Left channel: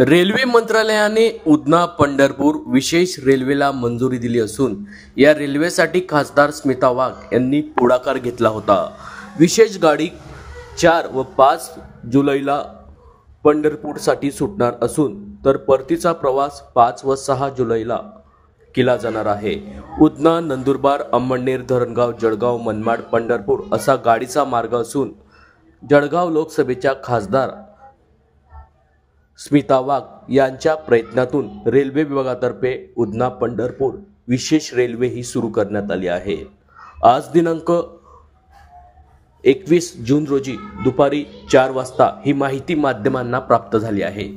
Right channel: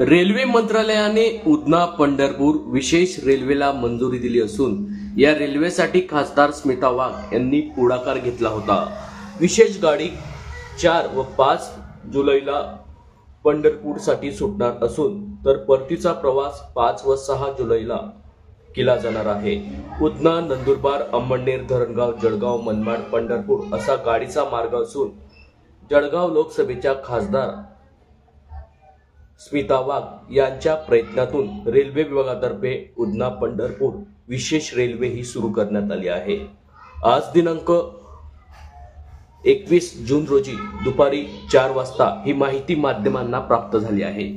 Railway मंत्रालयाने उधना पंढरपूर विशेष रेल्वेला मंजुरी दिली असून या रेल्वेसाठी खासदार स्मिता वाघ यांनी पुढाकार घेतला होता। विशेष गाडी 4 व 5 जुलैला पंढरपूरसाठी सुटणार असून तर परतीचा प्रवास 5 व 6 जुलैला केला जाणार आहे। उधना, नंदुरबार, अंमळनेर, धरणगाव, जळगाव, मनमाड, पंढरपूर असा गाडीचा मार्ग असून जळगाव लोकसभेच्या खासदार स्मिता वाघ यांच्या प्रयत्नातून रेल्वे विभागातर्फे उधना पंढरपूर विशेष रेल्वे ही सुरू करण्यात आली आहे। आज दिनांक 21 जून रोजी दुपारी 4 वाजता ही माहिती माध्यमांना प्राप्त झाली आहे।